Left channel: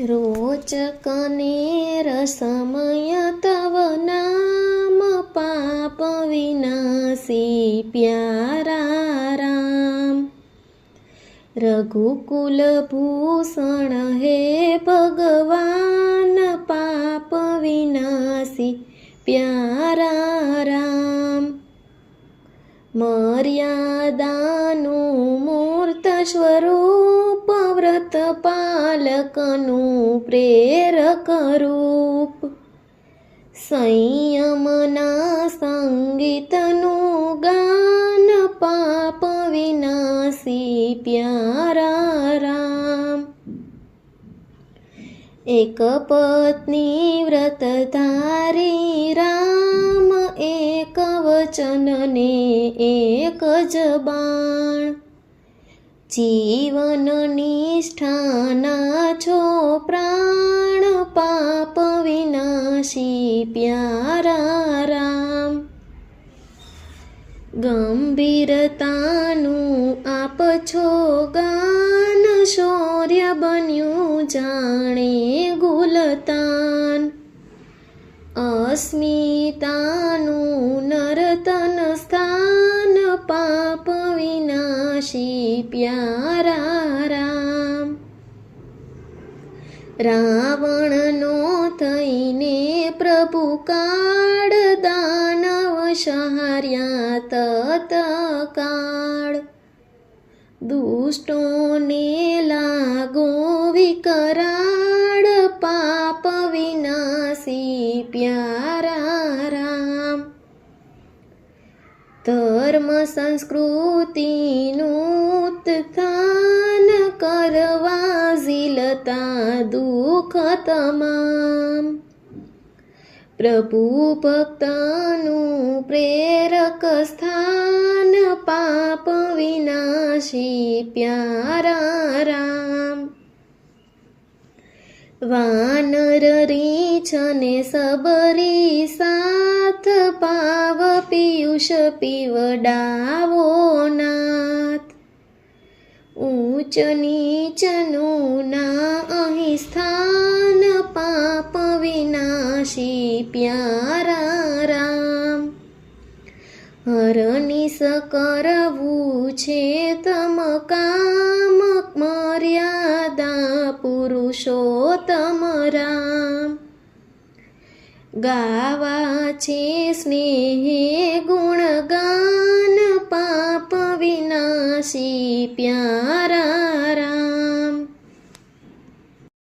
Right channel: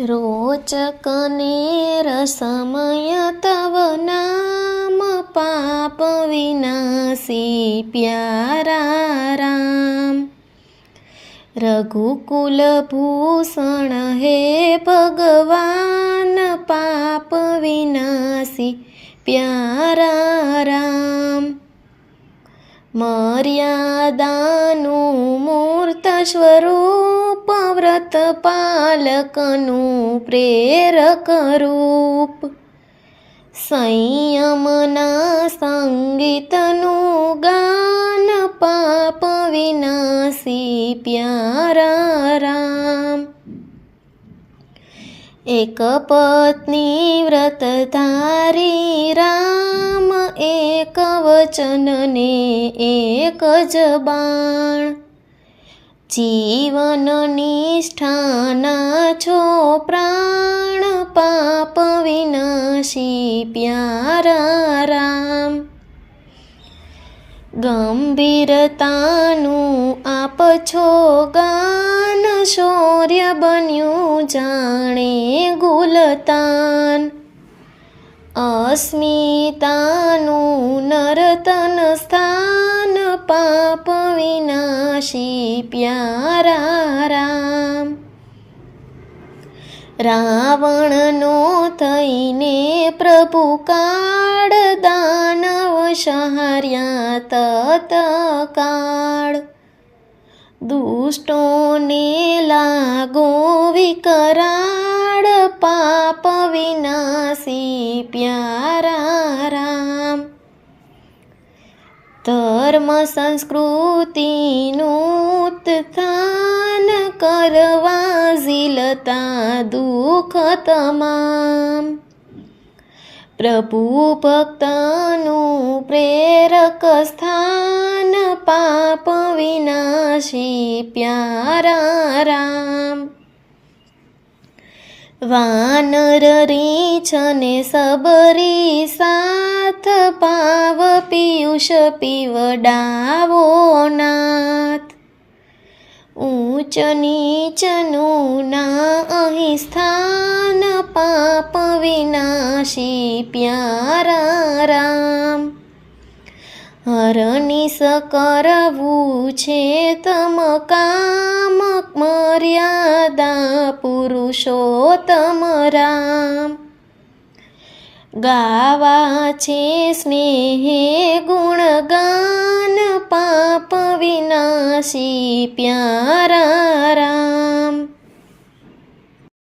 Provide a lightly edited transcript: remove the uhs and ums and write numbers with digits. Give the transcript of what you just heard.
रोचक ने रसमय तव नाम पाप विनाशी प्यारा राम। रघुकुल भूषण हे भगवान पाप विनाशी प्यारा राम। मर्यादानु मूर्त स्वरूप व्रत पालकनु प्रेरक रूप। संयमना संगीतनु गान पाप विनाशी प्यारा राम। एक पत्नी व्रतधारी राम एक वचन ने एक जबाण। जीवन निष्ठाना छो प्राण पाप विनाशी प्यारा राम। गंभीरतानु आप छो गान शौर्य बन्यु जाणे गुलतान। अस्मितानु नर्तन स्थान पाप विनाशी प्यारा राम। रावणनो थईने प्रभु काळ दानव संहार्या तत्काळ। दुष्टोने लागो विकराळ पाप विनाशी प्यारा राम। धर्म संस्कृतिनु उत्थान करवा झीलता दुख तमाम। प्रभु भक्तनु प्रेरक स्थान पाप विनाशी प्यारा राम। वानर रीछ ने सबरी साथ पाव पीयूष पीवडावो नाथ। ऊंच नीचनु ना अहीं स्थान पाप विनाशी प्यारा राम। हरनिश करवू छे तम काम मर्यादा पुरुषोत्तम राम। गावा छे स्नेहे गुणगान पाप विनाशी प्यारा